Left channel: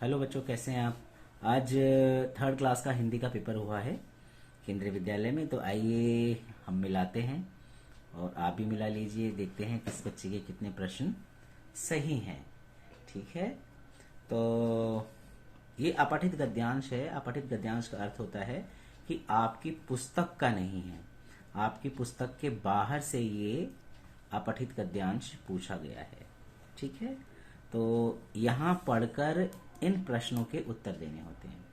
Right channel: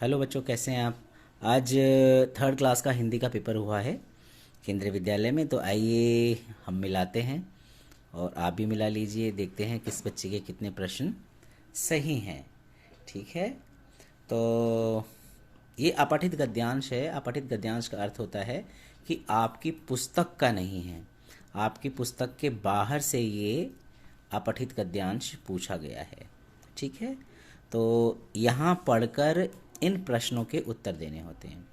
Hello बच्चों, कैसे हैं आप। आज थर्ड क्लास का हिंदी का पेपर हुआ है केंद्रीय विद्यालय में। तो आइए हम मिलाते हैं और आप भी मिला लीजिए। देखते हैं किस बच्चे के कितने प्रश्न सही हैं। ठीक है। तो ये अपठित गद्यांश है। अपठित गद्यांश का अर्थ होता है कि आपकी पुस्तक का नहीं है, आपकी पुस्तक के बाहर से ये अपठित गद्यांश पूछा गया है। ठीक है। तो यहाँ पढ़कर इन प्रश्नों के उत्तर देने होते हैं।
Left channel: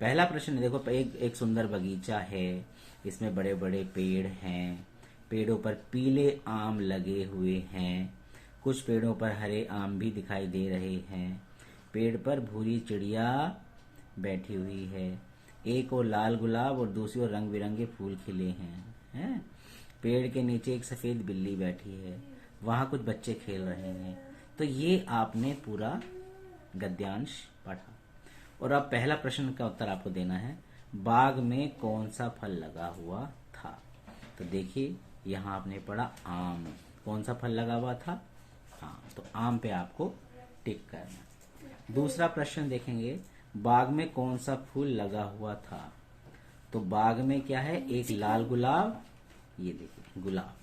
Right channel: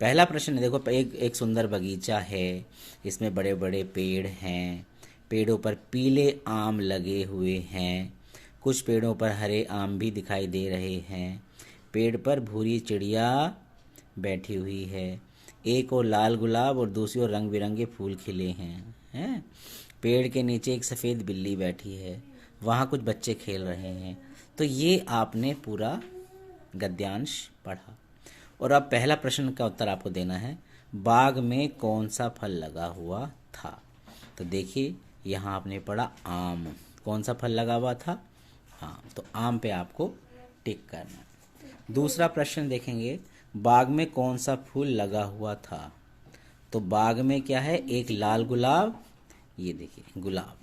पहला प्रश्न देखो, एक सुंदर बगीचा है, इसमें बड़े बड़े पेड़ हैं, पेड़ों पर पीले आम लगे हुए हैं, कुछ पेड़ों पर हरे आम भी दिखाई दे रहे हैं, पेड़ पर भूरी चिड़िया बैठी हुई है, एक और लाल गुलाब और दूसरी ओर रंग बिरंगे फूल खिले हैं। पेड़ के नीचे एक सफ़ेद बिल्ली बैठी है, वहाँ कुछ बच्चे खेल रहे हैं। तो ये आपने पूरा गद्यांश पढ़ा। और अब पहला प्रश्न का उत्तर आपको देना है, बाग में कौन सा फल लगा हुआ था। तो देखिए, यहाँ आपने पढ़ा आम। कौन सा फल लगा हुआ था? आम। तो आम पे आपको टिक करना। दूसरा प्रश्न देखेंगे, बाग में कौन सा फूल लगा हुआ था। तो बाग में क्या है? एक लाल गुलाब, ये देखिए गुलाब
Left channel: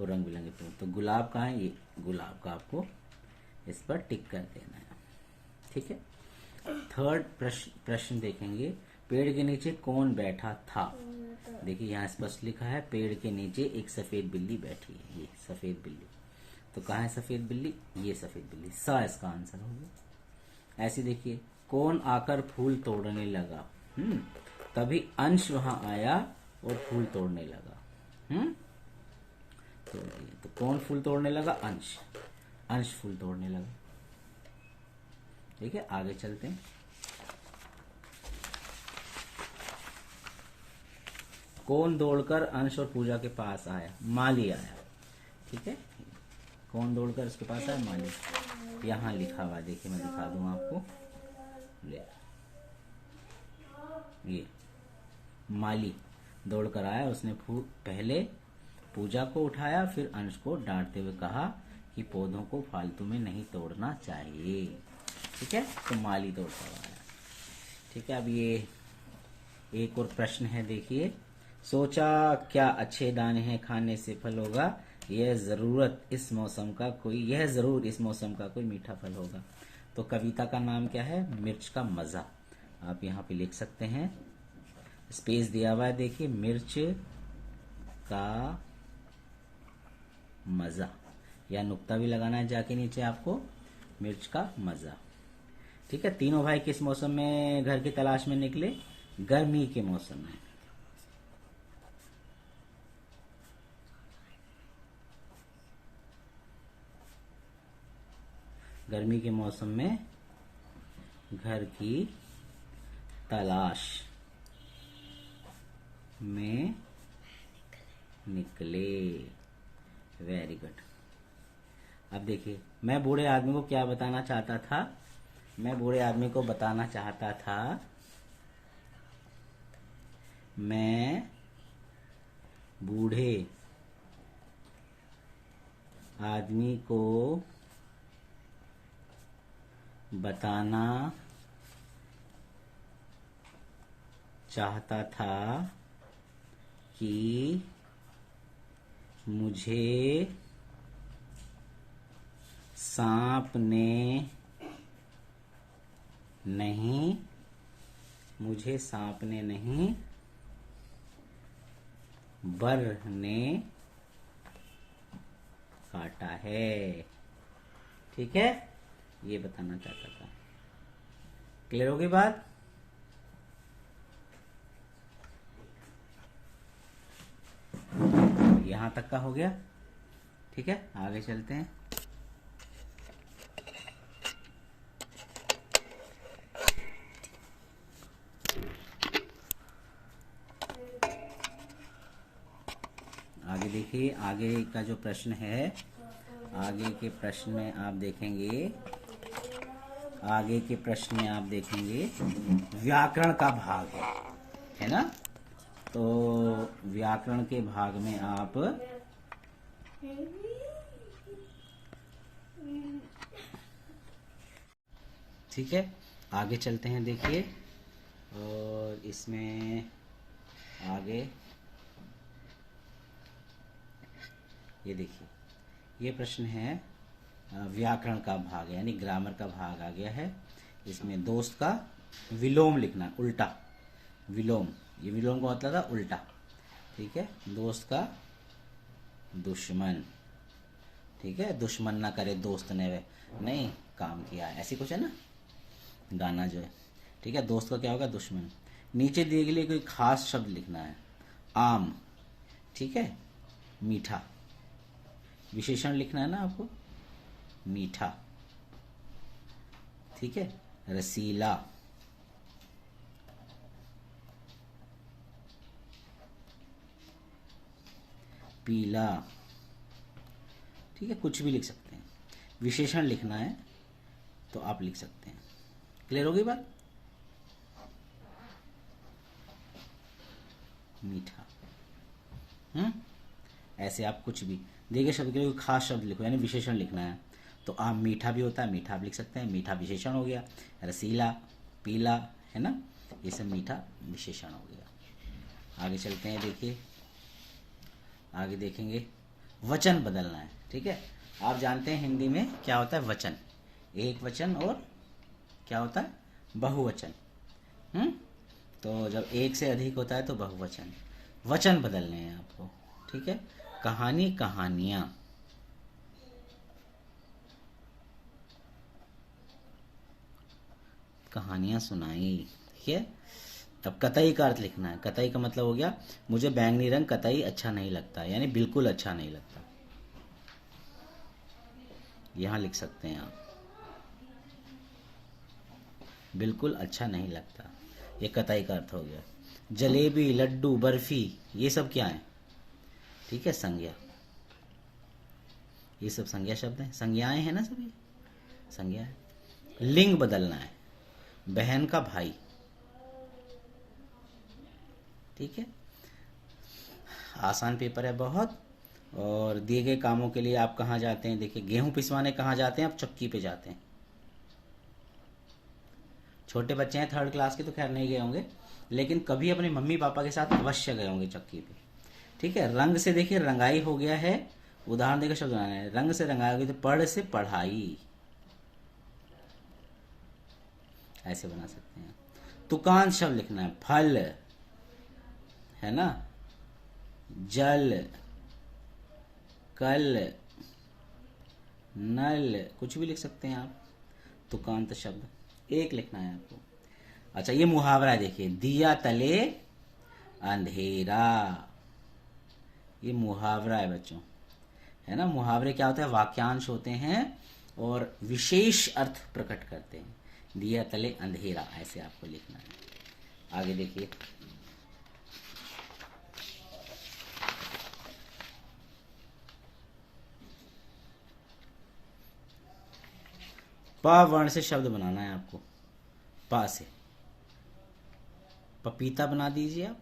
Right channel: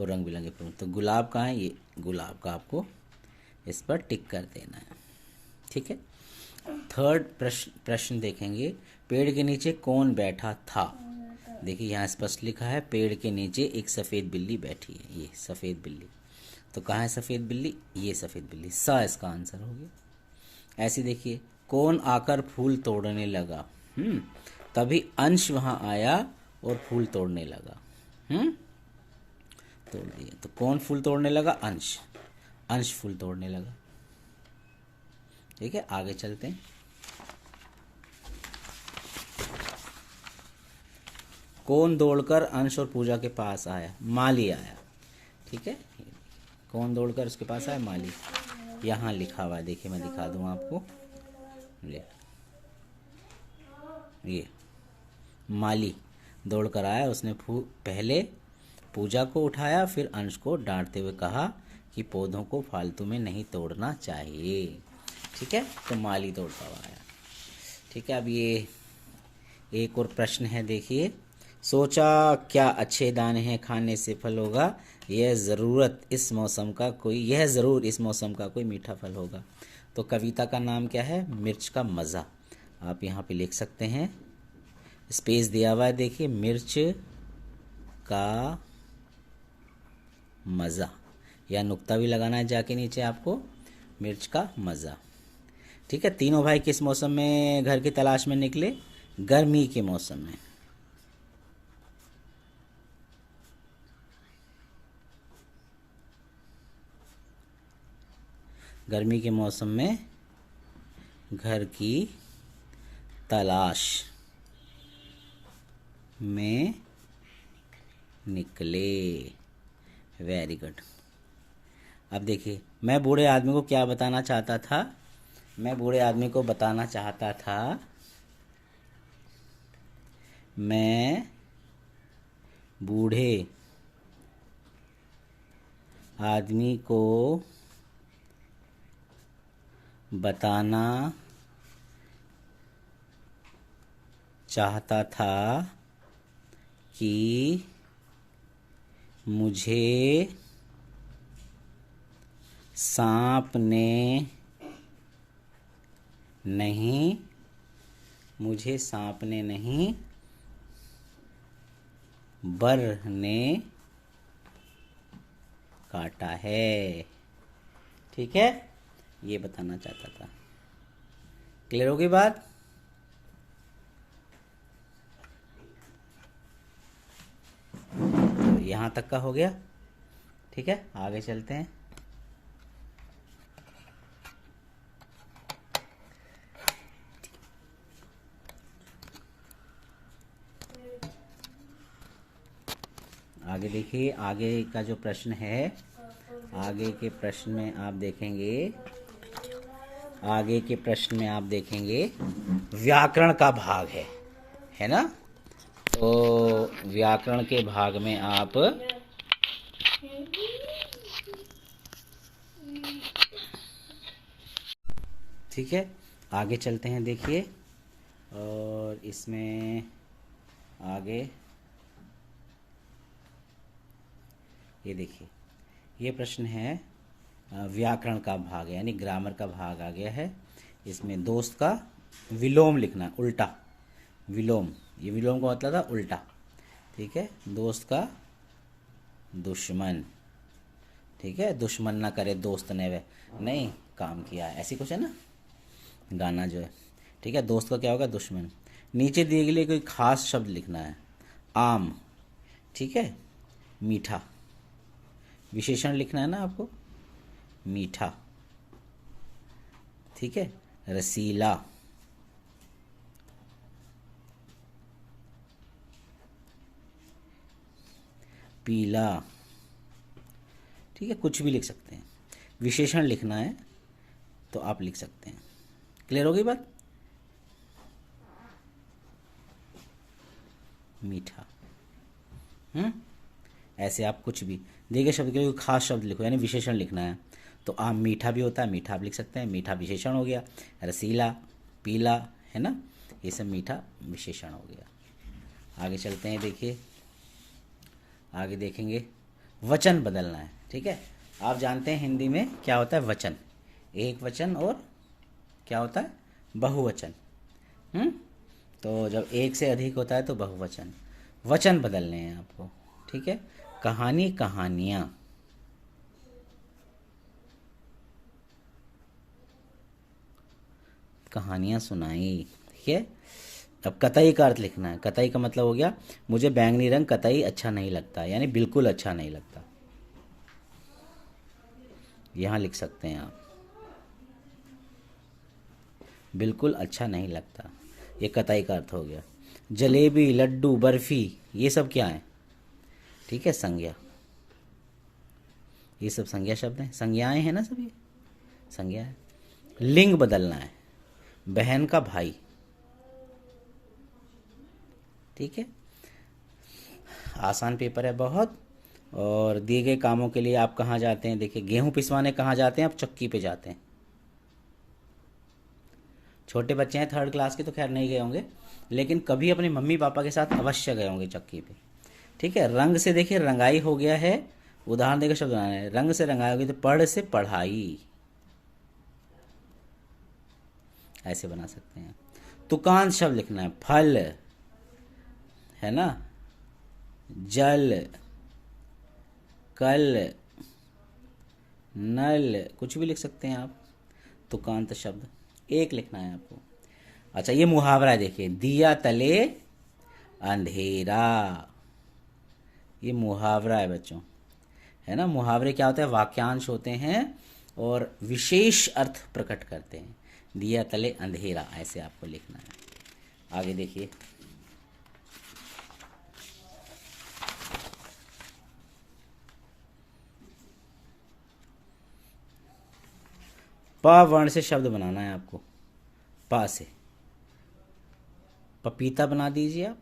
और रंग बिरंगे फूल। तो गुलाब कहाँ है? ये गुलाब का आपको इस पर टिक कर देना है। ठीक है। थर्ड प्रश्न देखेंगे, पेड़ के नीचे कौन बैठा था। देखिए यहाँ स्पष्ट लिखा है, पेड़ के नीचे एक सफ़ेद बिल्ली बैठी है। ये सफ़ेद बिल्ली, तो कहाँ है सफ़ेद बिल्ली? ये सफ़ेद बिल्ली, सा इसका आंसर हो गया। ऐसे देखिए, कौन आकर फूल तोड़ने लगा। तभी अंश वहाँ आया और फूल तोड़ने लगा। तोड़ दिए। तो कौन फूल तोड़ने लगा? अंश। अंश फूल तोड़ने लगा। ठीक है, आगे चलते हैं। कौन दौड़कर अंश और पूजा के पास आया? माली आया। ठीक है, कौन दौड़कर उसके पास आया? माली। यहाँ लिखा हुआ है, देखिए मैं दिखा दूँ आपको। ये माली दौड़कर आया, उसने पहले पूजा को उठाया, फिर अंश को डांटते हुए कहा कि पौधों को फालतू में नहीं तोड़ना चाहिए। ठीक है, तो माली दौड़ता हुआ आया। ठीक है, अब ये एक और प्रश्न है, देखिए। सोचा क्या अच्छे दाने हैं, खाने से फल होगा, यह ज़रूर इस मौसम का कोई मीठा फल होगा। तो कविता का नाम क्या है? मिर्च का मज़ा। आप यहाँ पे लिख सकते हैं, स्पेस दिया हुआ है, देखिए, मिर्च का मज़ा, या नुक्ता भी लगाना है जाके नीचे आपको, मिर्च का मज़ा। ठीक है। तीनों भाई किस मौसम में घर की तलाश में निकले? गर्मी के मौसम में। गर्मी के मौसम में घर की तलाश में निकले। Very good. अब देखिए, मैं बूढ़े आदमी को क्या बताना चाहता था? मैं बूढ़े आदमी को बताना चाहता था, मैं बूढ़े आदमी को बताना चाहता था कि मुझे सांप ने नहीं, बर ने काटा है। ठीक है, ये बताना चाहता था। क्लियर होगी बात? तो यहाँ तक का हो गया। ठीक है, आगे चलते हैं। आगे देखिए, आगे का जो प्रश्न है, आगे के प्रश्न में आप देखेंगे, व्याकरण का भाग है ना। तो व्याकरण के भाग में आप ठीक है, आगे चलते हैं, देखिए। और इसमें आगे ये देखिए, ये प्रश्न है व्याकरण का भाग, यानी ग्रामर का भाग आ गया है। इसमें दोस्त का विलोम लिखना है, उल्टा विलोम। ये विलोम का मतलब था उल्टा, ठीक है। दोस्त का दुश्मन, ठीक है। दुश्मन ना करे दोस्त ने वे नहीं काम किया, ऐसी कुछ है ना गाना जो है, ठीक है। दोस्त का क्या होगा, दुश्मन। नीचे दिए गए लिए कोई खास शब्द लिखना है। आम, ठीक है। मीठा, विशेषण लिखना है ना आपको, मीठा, ठीक है। रसीला, पीला, ठीक है। कुछ भी लिख सकते हैं, विशेषण लिखना है तो आप लिख सकते हैं। क्लियर हो गई बात। मीठा, ऐसे आप कुछ भी देखिए शब्द के लिए कोई खास शब्द लिखो, यानी विशेषण लिखना है। तो आम मीठा भी होता है, मीठा आप लिख सकते हैं, मीठा विशेषण हो गया। रसीला, पीला, है ना, ये सब मीठा विशेषण हो गया। आगे चलते हैं, देखिए आगे देखेंगे। वचन बदलना है, ठीक है। आप जानते हैं हिंदी में क्या होता है, वचन, एक वचन और क्या होता है, बहुवचन। तो जब एक से अधिक होता है तो बहुवचन। वचन बदलने हैं आपको, ठीक है। कहानी, कहानियां, कहानियां सुनाई, ठीक है। अब कतई का अर्थ लिखना है। कतई का मतलब हो गया, मुझे बैंगनी रंग कतई अच्छा नहीं लगता, यानी बिल्कुल अच्छा नहीं लगता। यहां लिख सकते हैं आप, बिल्कुल अच्छा नहीं लगता, ये कतई का अर्थ हो गया। जलेबी, लड्डू, बर्फी, ये सब क्या है, ठीक है, संज्ञा। ये सब संज्ञा शब्द हैं, संज्ञाएं हैं ना, सब ये संज्ञा है। लिंग बदलना है, बहन का भाई, ठीक है। आसान पेपर है बहुत। और दिए गए कामों के लिए आप कहाँ जाते हैं, देखिए गेहूं पिसवाने कहाँ जाते हैं आप, चक्की पे जाते हैं। छोटे बच्चे हैं 3rd क्लास के तो खैर नहीं गए होंगे, लेकिन कभी अपने मम्मी पापा के साथ अवश्य गए होंगे चक्की पे, ठीक है। रंग से देखिए रंगाई हो गया है, उदाहरण देकर शब्द बनाना है। रंग से रंगाई होगी तो पढ़ से पढ़ाई, ऐसे बना सकते हैं। तुकांत शब्द लिखना है, फल, है ना, जल, कल, नल, कुछ भी लिख सकते हैं आप। तुकांत शब्द एक लिखना है आपको। अच्छा ये मुहावरा है, देखिए, दिया तले अंधेरा, ये मुहावरा है बच्चों, है ना। मुहावरे क्या होते हैं, वाक्यांश होते हैं और विशेष अर्थ प्रकट करते हैं। दिया तले अंधेरा, ऐसे आपको लिखना है। आगे देखिए, प वर्ण से शब्द बनाना है आपको, प से। पपीता बना दीजिए आप,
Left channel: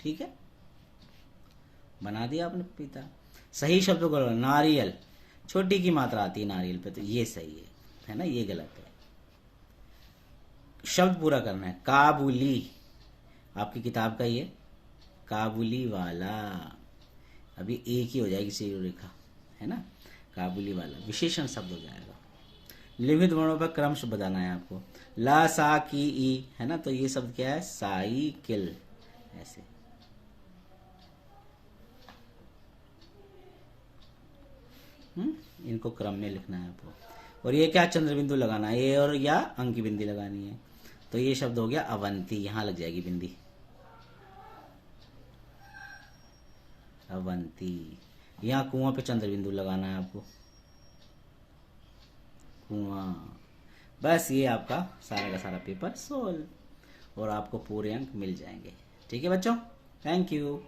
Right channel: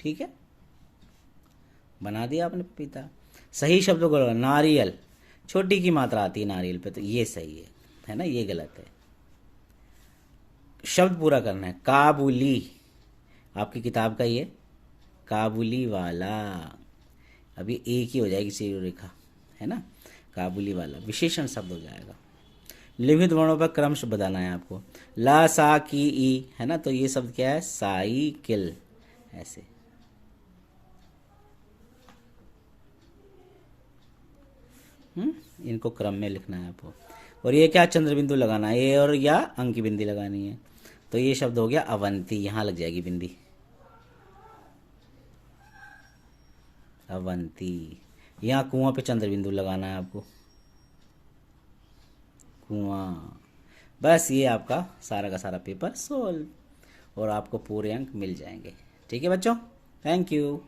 ठीक है, बना दिया आपने पपीता। सही शब्दों को लगाना, नारियल, छोटी की मात्रा आती है नारियल पे, तो ये सही है ना, ये गलत है। शब्द पूरा करना है, काबुली, आपकी किताब का ये काबुली वाला, अभी एक ही हो जाएगी सीधी रेखा, है ना, काबुली वाला विशेषण शब्द हो जाएगा। लिखित वर्णों पर क्रमश बताना है आपको। ला, सा, की, ई, है ना, तो ये शब्द क्या है, साइकिल, ऐसे। इनको क्रम में लिखना है आपको। और ये क्या, चंद्र बिंदु लगाना है, ये और या अंक की बिंदी लगानी है। तो ये शब्द हो गया अवंती, यहां लग जाएगी बिंदी, अवंती। यहाँ कुआं पे चंद्र बिंदु लगाना है आपको, कुआं। बस ये आपका सारा का सारा पेपर सोल्व, और आपको पूरे अंक मिल जाएंगे, ठीक है बच्चों। Thank you.